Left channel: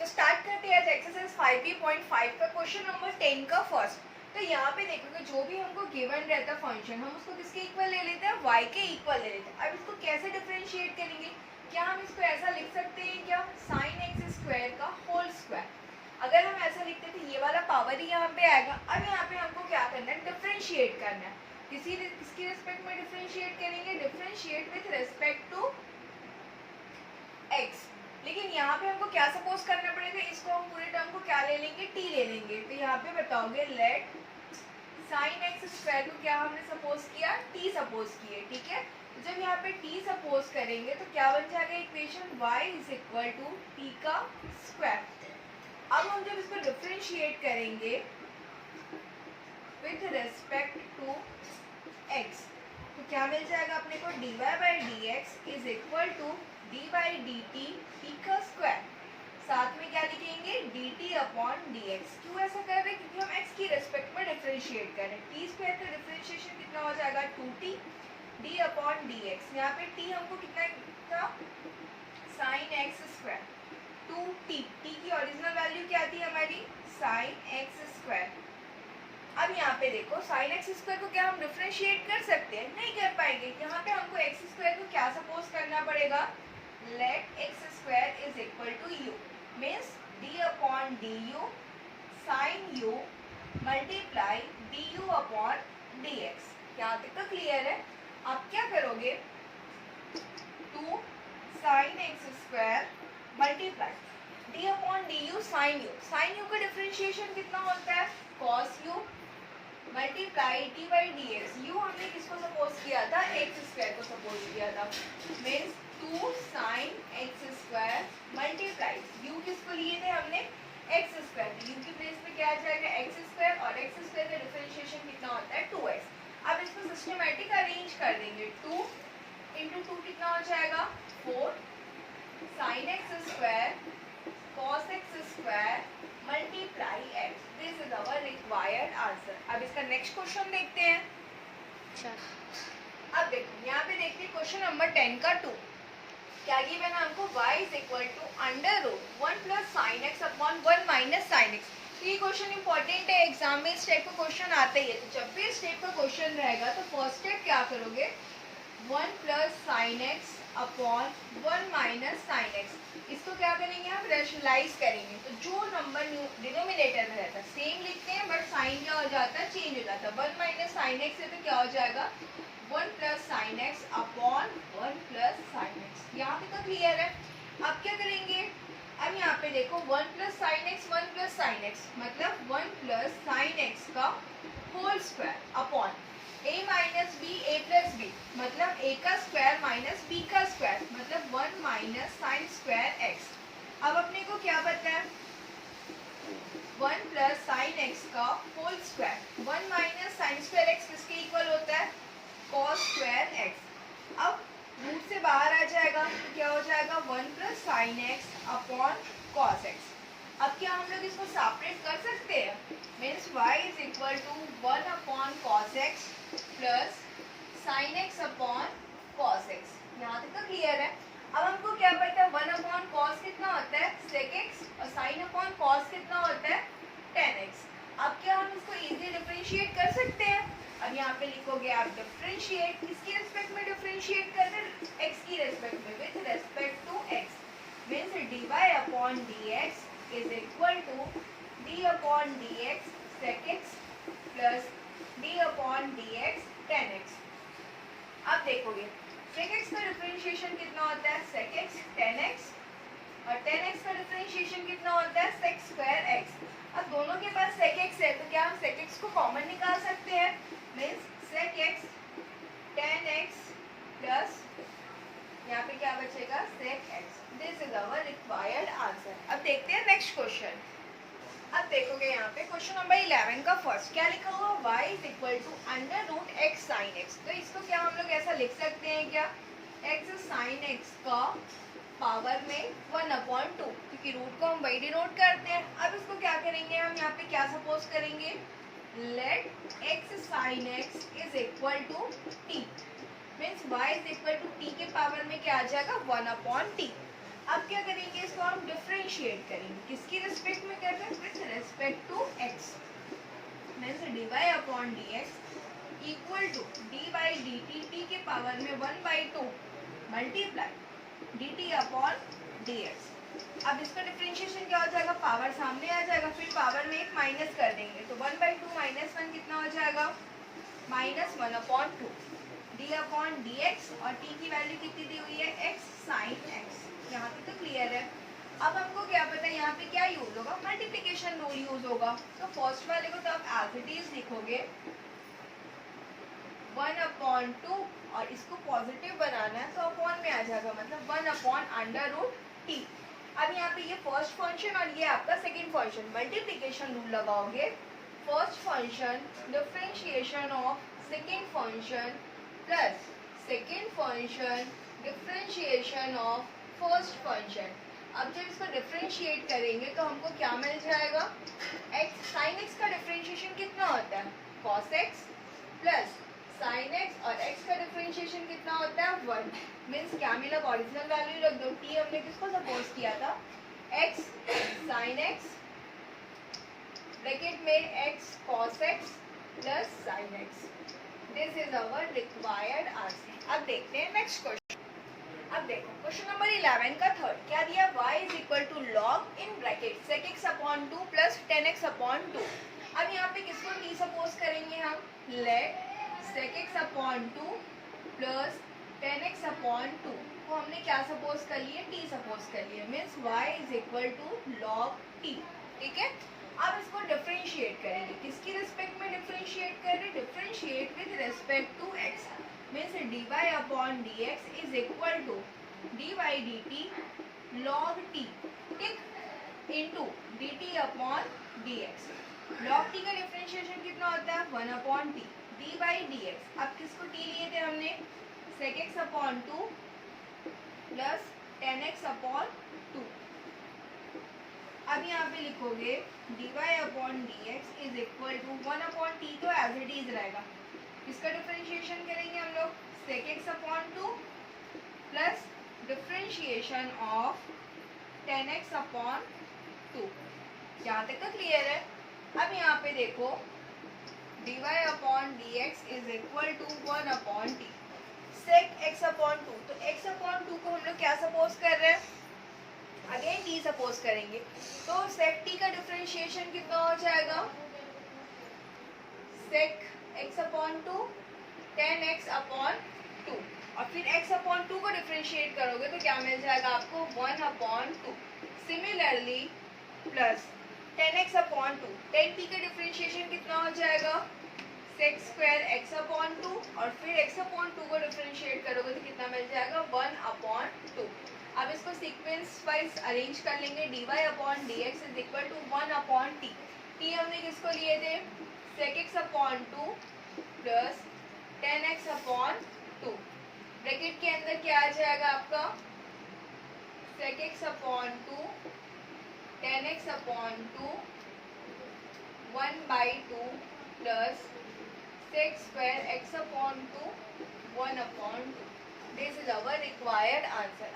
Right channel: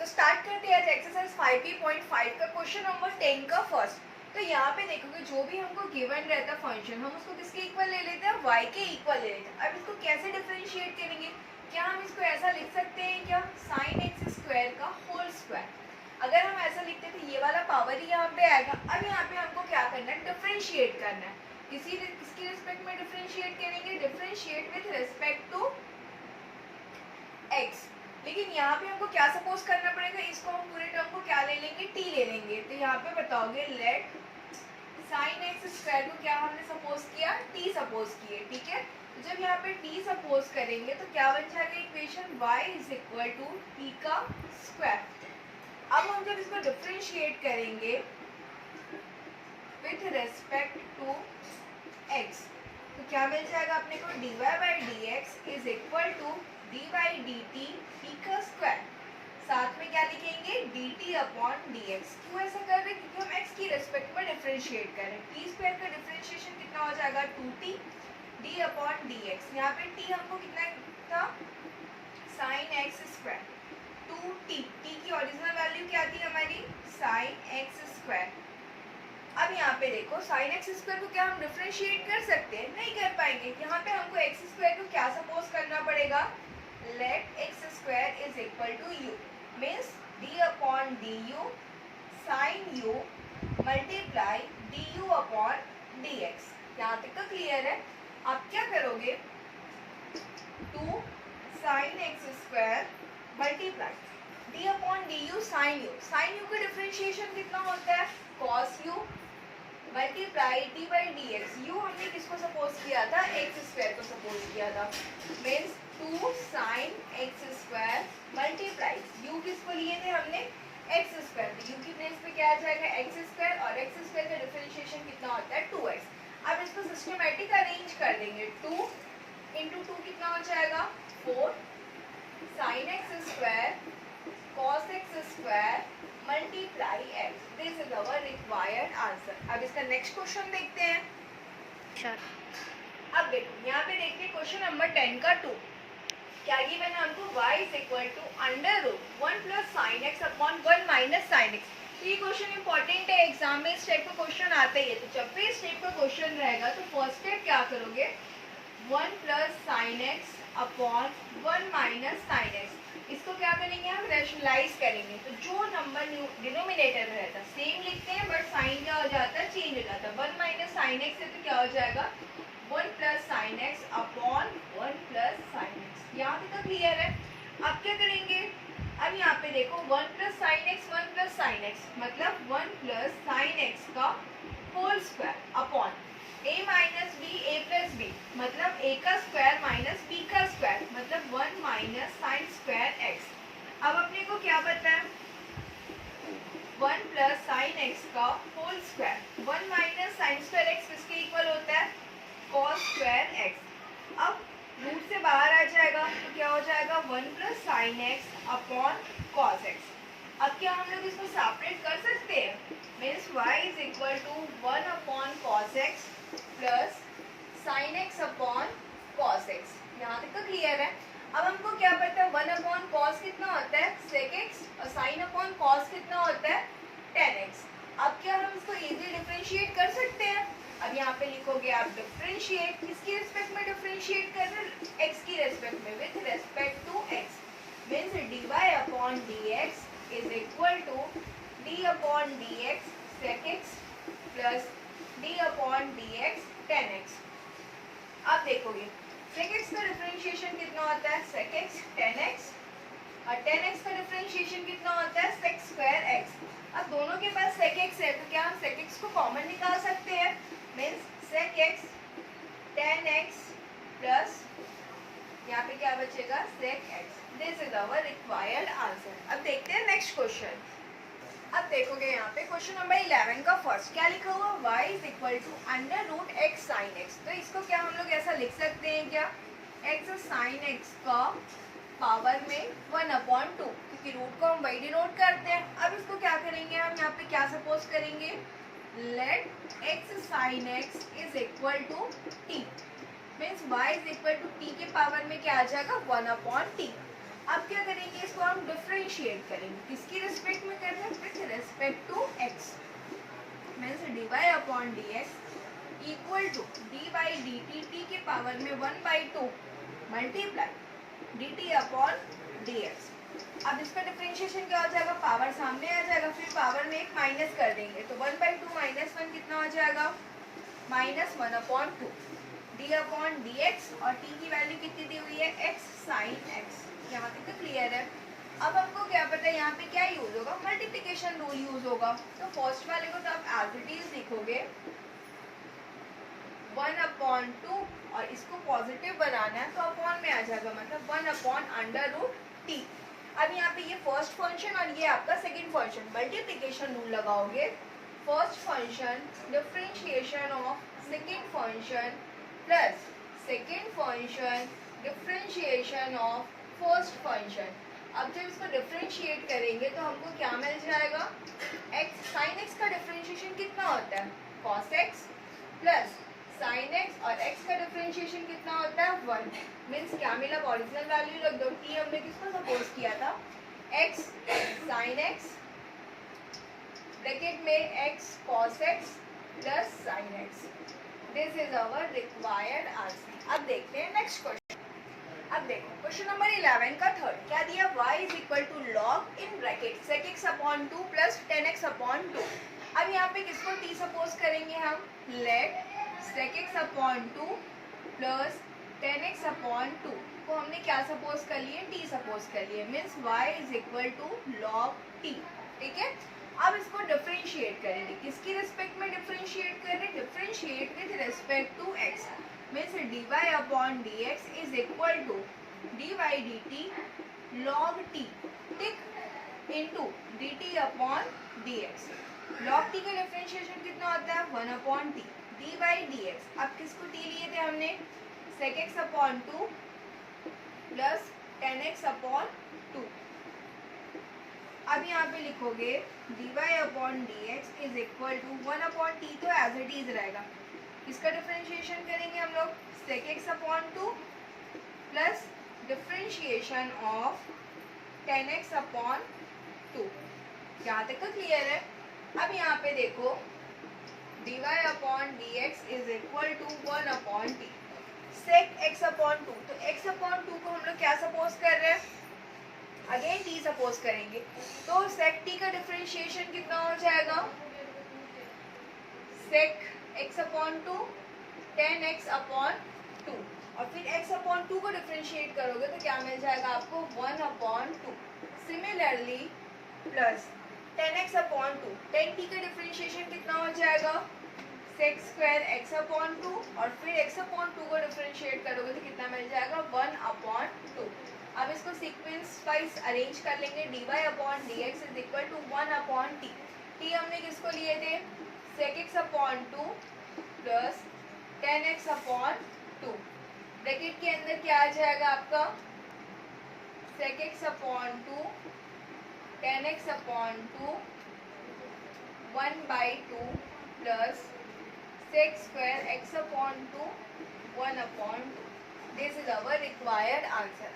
तो स्टार्ट करते हैं आज एक्सरसाइज 5.5 का क्वेश्चन नंबर 10 का फर्स्ट। तो यहाँ पे देखोगे जो भी हमको गिवन रहता है फंक्शन हम उसको किसके इक्वल ले लेते हैं, y के इक्वल ले लेते हैं। अब इसको कैसे डिफरेंशिएट करेंगे, क्या हम इसको ऐसा लिख सकते हैं क्या, साइन एक्स स्क्वायर का होल स्क्वायर। अगर हम ऐसा लिखते हैं तो ये वाला पावर ही यहाँ पे आएगा। अब यहाँ पे हमको क्या करना है, डिफरेंशिएट करना है। किसकी रिस्पेक्ट में डिफरेंशिएट करेंगे, differentiate with respect to x। लेकिन यहाँ पे हमको क्या सपोज करना पड़ेगा, इसको हम पूरे टर्म को क्या ले लेंगे, t ले लेंगे। तो यहाँ पे बताओगे लेट साइन एक्स स्क्वायर को क्या हमने सपोज किया, t सपोज किए, ठीक है। तो जब यहाँ पे t सपोज करेंगे तो क्या बन जाएगा equation, y is equal to t का स्क्वायर। अब हम जब इसको डिफरेंशिएट करेंगे विथ रेस्पेक्ट टू x तो क्या मिल जाएगा अपने को, dy by d x is equal to d by d t t का स्क्वायर। साथ में क्या लिखेंगे, d T upon D x. क्यों ऐसा कर रहे हैं, क्योंकि हम x की रेस्पेक्ट में डिफरेंशिएट कर रहे हैं। टी स्क्वायर का डिफरेंशिएशन कितना हो जाएगा, 2t D upon D x. यहाँ पे t हमको कितना था, sign x square 2t। t की ओरिजिनल वैल्यू क्या थी हमारी, साइन एक्स स्क्वायर। अब यहाँ पे देखो साइन एक्स स्क्वायर को क्या हम डिफरेंशिएट कर सकते हैं, नहीं कर पाएंगे। यहाँ पे हमको एक्स स्क्वायर को क्या सपोज करना पड़ेगा, let x square is equal to u, means d upon d u sine u multiply d u upon D x. यहाँ तक तो क्लियर है। आप क्या करोगे, 2 sine x square multiply d upon d u sine u. Sine u का differentiation कितना होता है, cos u multiply t by d x. U हमने किसको सपोज किया था, एक्स स्क्वायर को सपोज किया था, means 2 sine x square multiply you किसको लिए थे हमने, एक्स स्क्वायर। यू की प्लेस पे क्या आ जाएगा, एक्स स्क्वायर, और एक्स स्क्वायर का डिफरेंशिएशन कितना होता है, 2x। अब इसको सिस्टमैटिक अरेंज कर देंगे, 2 इंटू 2 कितना हो जाएगा, 4 sign x square cos x square multiply x. This is our required answer. अब इसका नेक्स्ट क्वेश्चन देखते हैं। अब देखो यहाँ पे देखते हैं क्वेश्चन नंबर 10 का 2। क्या गिवन है हमको, y is equal to under root 1 plus sine x upon 1 minus sine x. ये क्वेश्चन इंपॉर्टेंट है, एग्जाम में इस टाइप का क्वेश्चन आता ही है। तो जब भी इस टाइप का क्वेश्चन रहेगा तो फर्स्ट स्टेप क्या करोगे, 1 plus sine x upon 1 minus sine x. इसको क्या करेंगे हम, रैशनलाइज करेंगे। तो जो नंबर डिनोमिनेटर में रहता है सेम लिखते हैं, बट साइन क्या हो जाता है, चेंज हो जाता है। 1 माइनस साइन एक्स है तो क्या हो जाएगा, 1 plus sine x upon 1 plus sine x. यहाँ तक तो क्लियर है। अब क्या करेंगे, अब यहाँ पे देखो 1 plus sine x 1 plus sine x मतलब 1 प्लस साइन एक्स का whole square upon a minus b a plus b मतलब a का स्क्वायर माइनस b का स्क्वायर मतलब 1 माइनस साइन स्क्वायर एक्स। अब अपने को क्या पता है, 1 प्लस साइन एक्स का whole square, 1 minus sine square x किसके इक्वल होता है, कॉस स्क्वायर एक्स। अब रूट से बाहर आ जाएगा तो क्या हो जाएगा, 1 plus sine x upon cos x. अब क्या हम लोग इसको सेपरेट कर सकते हैं, means y is equal to 1 upon cos x plus sine x upon cos x. यहाँ तक तो क्लियर है। अब हमको क्या पता है, 1 अपॉन कॉस कितना होता है, सेक एक्स, और साइन अपॉन कॉस कितना होता है, टेन एक्स। अब क्या हम इसको इजी डिफरेंशिएट कर सकते हैं। अब यहाँ पे लिखोगे आप डिफरेंशिएट, किसकी रिस्पेक्ट में डिफरेंशिएट कर रहे हैं, एक्स की रिस्पेक्ट में, with respect to x, means D Y upon D x is equal to d upon D x sec x plus d upon D x tan x. अब देखोगे sec x का differentiation कितना होता है, sec x tan x, और tan x का differentiation कितना होता है, सेक स्क्वायर एक्स। अब दोनों के पास सेक एक्स है तो क्या हम सेक एक्स को कॉमन निकाल सकते हैं, means sec x tan x plus यहाँ पे क्या बचेगा, sec x. This is our required answer. अब देखते हैं नेक्स्ट क्वेश्चन। अब देखोगे यहाँ पे क्वेश्चन नंबर 11 का फर्स्ट क्या लिखा हुआ, y is equal to under root x sine x. तो इसको क्या हम लोग ऐसा लिख सकते हैं क्या, x साइन एक्स का पावर में 1 अपॉन 2, क्योंकि रूट को हम वही डिनोट करते हैं। अब इसको क्या करेंगे हम, यहाँ पे क्या सपोज करेंगे, let x sine x is equal to t, means y is equal to t के पावर में क्या आ जाएगा, 1 अपॉन t। अब क्या करेंगे, इसको हम डिफरेंशिएट करेंगे, किसकी रिस्पेक्ट में कर रहे हैं, with respect to x. Means D Y upon D x equal to d by d t, t के पावर में 1/2 multiply d T upon D x. अब इसका डिफरेंशिएशन क्या हो जाएगा, पावर सामने आ जाएगा, फिर पावर में एक माइनस कर देंगे, तो 1/2 माइनस 1 कितना हो जाएगा, -1/2 डी अपॉन डी एक्स, और टी की वैल्यू कितनी दी हुई है, एक्स साइन एक्स। यहाँ पे तो क्लियर है। अब हमको क्या पता है यहाँ पे क्या यूज होगा, मल्टीप्लिकेशन रूल यूज होगा। तो फर्स्ट वाले को तो आप एज इट इज लिखोगे 1/2, और इसको पॉजिटिव बनाना है तो अपॉन में आ जाएगा, मतलब 1/√t। अब यहाँ पे ये फर्स्ट फंक्शन और ये आपका सेकंड फंक्शन, मल्टीप्लिकेशन रूल लगाओगे, first function differentiation of second function plus second function differentiation of first function. अब जब इसको डिफरेंशिएट करेंगे तो हमको क्या मिल जाएगा, x साइन x का डिफरेंशिएशन कितना होता है, cos x plus sine x, और x का डिफरेंशिएशन कितना होता है 1। मीन्स क्या मिला, ओरिजिनल वैल्यू रख दो, t हमने किसको सपोज किया था, x साइन x ब्रैकेट में x cos x plus sine x। This is our required answer. अब देखते हैं नेक्स्ट क्वेश्चन। अब देखो क्वेश्चन नंबर 11 का थर्ड क्या दिया, y is equal to log in bracket sec x अपॉन 2 प्लस 10x अपॉन 2। अब यहाँ पे किसको t सपोज करेंगे हम, लेट sec x अपॉन 2 प्लस 10x अपॉन 2 को हमने क्या सपोज कर लिए, t सपोज कर लिए। Means y is equal to log t। ठीक है, अब इसको डिफरेंशिएट करेंगे, किसकी रिस्पेक्ट में डिफरेंशिएट कर रहे हैं, differentiate with respect to x। Means D Y upon D x is equal to D Y D T log T, ठीक, into D T upon D X. Log T का differentiation कितना होता है, 1/t D Y D x. अब किसको T लिए थे हमने, sec x अपॉन 2 प्लस 10x अपॉन 2। अब यहाँ पे लिखोगे d Y upon D x is equal to 1/t, तो एज इट इज रहेगा। इसका डिफरेंशिएशन करेंगे हम लोग, sec x अपॉन 2 प्लस डिफरेंशिएशन ऑफ 10x अपॉन 2। यहाँ तक तो क्लियर है। अब यहाँ पे देखो dy अपॉन dx is equal to 1/t sec x अपॉन 2, तो x अपॉन 2 को हम लोग क्या सपोज कर रहे हैं, अगेन t सपोज करेंगे, तो sec t का डिफरेंशिएशन कितना हो जाएगा, sec x अपॉन 2 10x अपॉन 2, और फिर x अपॉन 2 को डिफरेंशिएट करोगे तो क्या मिल जाएगा आपको, 1/2। सिमिलरली प्लस 10x अपॉन 2, 10t का डिफरेंशिएशन कितना हो जाएगा, sec स्क्वायर x अपॉन 2, और फिर x अपॉन 2 को डिफरेंशिएट करोगे तो कितना मिल जाएगा, 1/2। अब इसको सीक्वेंस वाइज अरेंज कर लेंगे, dy अपॉन dx is equal to 1/t। t हमने किसको लिए थे, sec x अपॉन 2 प्लस 10x अपॉन 2। ब्रैकेट के अंदर क्या आ जाएगा आपका, sec x अपॉन 2 10x अपॉन 2 1/2 प्लस sec स्क्वायर x अपॉन 2 1/2। This is our required answer.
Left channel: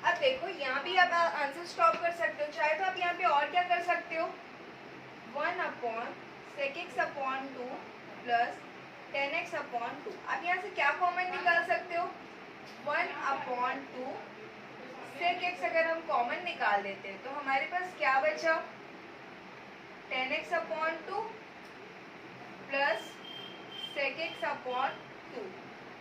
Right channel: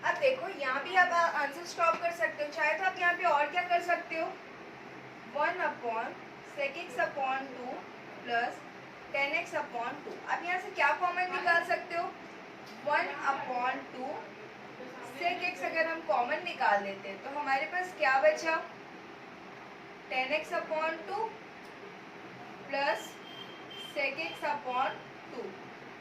अब देखो यहाँ भी आप आंसर स्टॉप कर सकते हो, चाहे तो आप यहाँ पे और क्या कर सकते हो, 1/sec x अपॉन 2 प्लस 10x अपॉन 2। अब यहाँ से क्या कॉमन निकाल सकते हो, 1/2 sec x अगर हम कॉमन निकाल लेते हैं तो हमारे पास क्या बचा, 10x अपॉन 2 प्लस sec x अपॉन 2।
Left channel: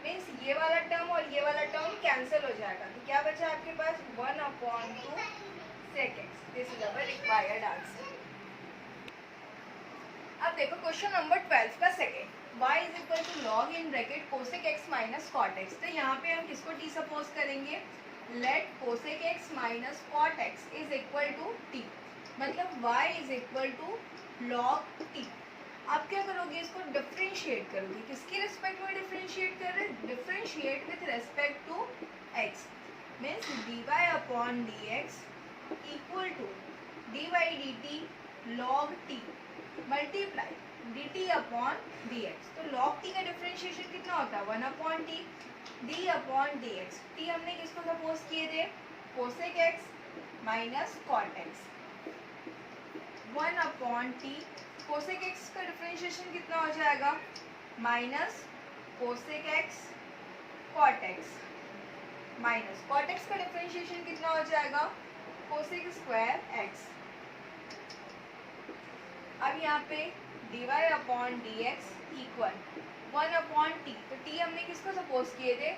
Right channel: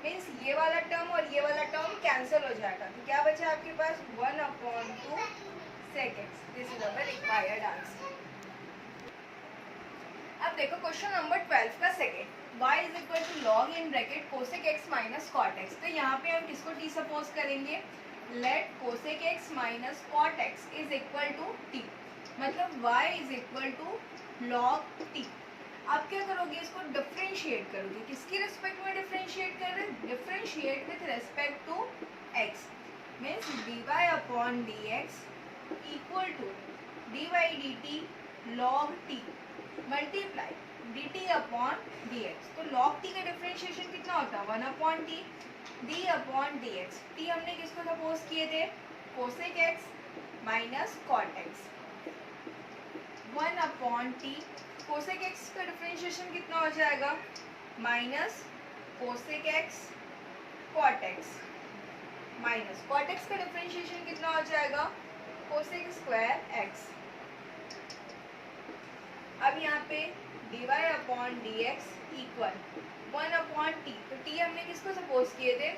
मीन्स ये वाला टर्म और ये वाला टर्म कैंसिल हो जाएगा, तो क्या बचा आपके पास, 1/2 sec x। This is our required answer. अब देखो क्वेश्चन नंबर 12 का second, y is equal to log in bracket cosec x minus cot x। तो यहाँ पे हम किसको t सपोज करेंगे, let cosec x minus cot x is equal to t, मतलब y is equal to log t। आप क्या करोगे, इसको डिफरेंशिएट करोगे, किसकी रिस्पेक्ट में डिफरेंशिएट कर रहे हैं, differentiate with respect to x। Means dy अपॉन dx equal to dy dt log t multiply dt अपॉन dx। तो log t का डिफरेंशिएशन कितना होता है, 1/t d upon dx। t हमने किसको सपोज किए थे, cosec x minus cot x 1/t। Cosec x का डिफरेंशिएशन कितना हो जाएगा, minus cosec x cot x minus cot x का डिफरेंशिएशन कितना हो जाएगा, कोसेक स्क्वायर एक्स। अब यहाँ पे dy/dx इक्वल 1/t। तो t हमने किसको सपोज किए थे,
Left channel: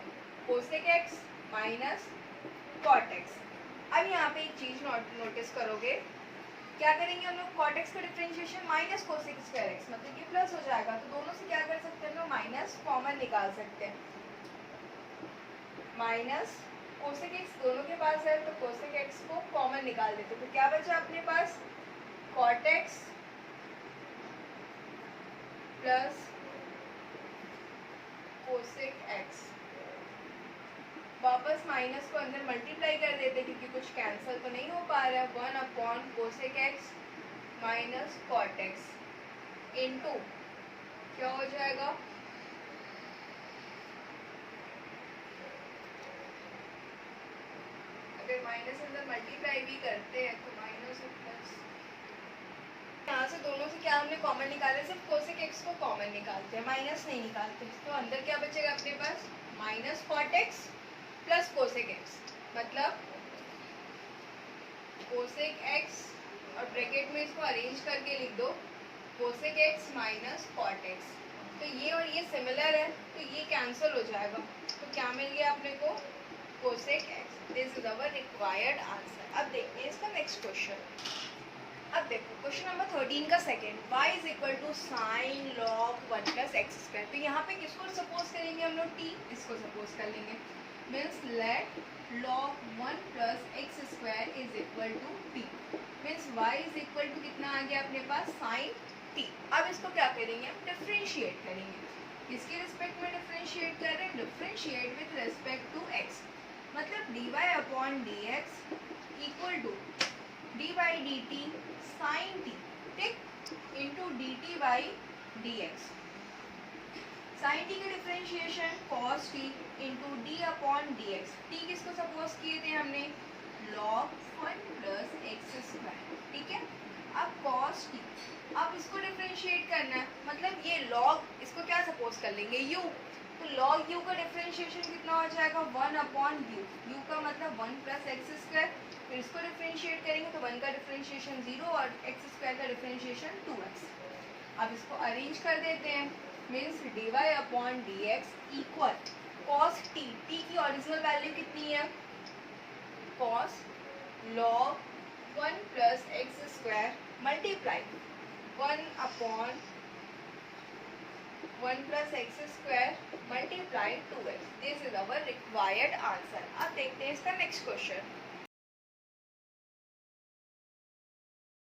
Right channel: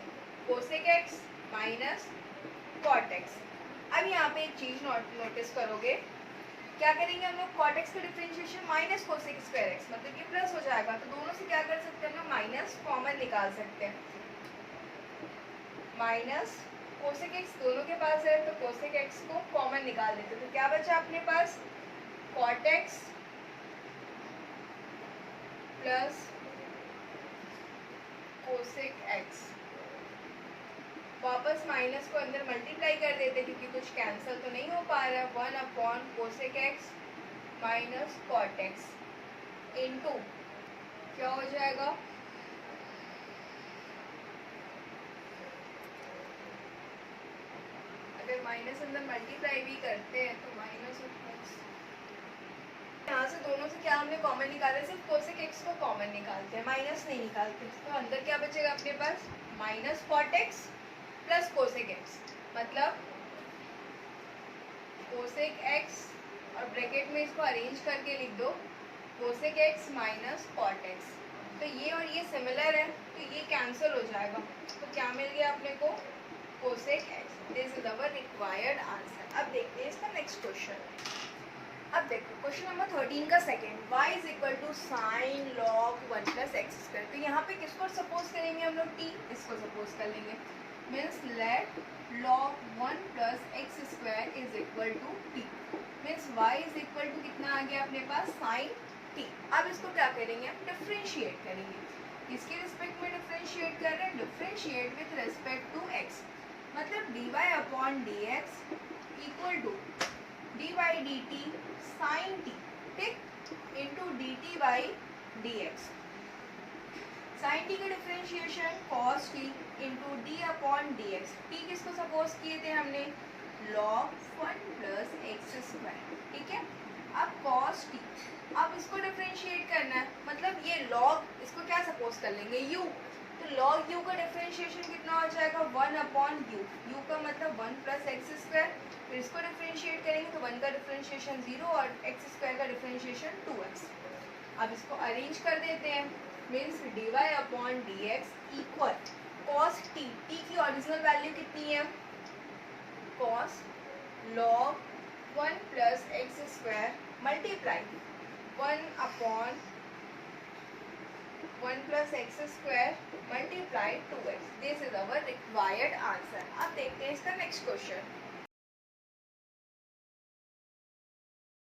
cosec x minus cot x. अब यहाँ पे एक चीज नोटिस करोगे, क्या करेंगे हम लोग, कॉट एक्स का differentiation minus cosec square x, मतलब ये प्लस हो जाएगा। तो दोनों से क्या कर सकते हैं हम लोग, माइनस कॉमन निकाल सकते हैं। माइनस कोसेक एक्स दोनों के पास है, तो कोसेक एक्स को कॉमन निकाल देते। तो क्या बचा अपने पास, cot X plus cosec X. वापस माइनस को अंदर मल्टीप्लाई कर देते क्योंकि कुछ कैंसिल तो नहीं हो पा रहा है। 1/कोसेक X minus cot X into क्या हो जाएगा, अगर माइनस अंदर मल्टीप्लाई भी करते हैं तो माइनस और प्लस, यहाँ से दोनों से क्या हमने कॉमन निकाले, सिर्फ कोसेक एक्स को कॉमन निकालते हैं, माइनस नहीं निकालते। तो अंदर क्या बचेगा अपने पास, minus cot X plus cosec X, मतलब कोसेक एक्स और ब्रैकेट में इसको अरेंज करके लिख दो, cosec x minus cot X. तो ये और ये सिमिलर है तो ये कैंसिल हो जाएगा। तो क्या मिल गया अपने को, cosec x. This is our required answer. अब देखते हैं इसका नेक्स्ट क्वेश्चन। अब देखो क्वेश्चन नंबर 13 का second, y is equal to sine log 1 plus x square. तो यहाँ पे किसको सपोज करेंगे हम लोग, t, इसको सपोज कर लेंगे। Means let log 1 plus x square is equal to t। Means y is equal to कितना आ गया अपने पास, साइन t। अब इसको क्या करेंगे, हम डिफ्रेंशिएट करेंगे। इसके रिस्पेक्ट में डिफ्रेंशिएट कर रहे हैं, differentiate with respect to x, मतलब dy/dx equal to dy/dt sine t, ठीक, इंटू dt/dx। साइन t की differentiation cos t into d/dx। t किसको सपोज किए थे हमने, log 1 प्लस एक्स स्क्वायर, ठीक है। अब cos t, अब इसको डिफरेंशिएट करना है, मतलब ये log, इसको क्या सपोज कर लेंगे, u। तो log u का डिफरेंशिएशन कितना हो जाएगा, 1/u। u का मतलब 1 प्लस एक्स स्क्वायर। फिर इसको डिफरेंशिएट करेंगे तो 1 का डिफरेंशिएशन 0 और एक्स स्क्वायर का डिफरेंशिएशन 2x। अब इसको अरेंज कर देते हैं, means dy/dx equal cos t। t की ओरिजिनल वैल्यू कितनी है, cos log 1 plus x square multiply 1/1 plus x square multiply 2x। This is our required answer. अब देखते हैं इसका नेक्स्ट क्वेश्चन।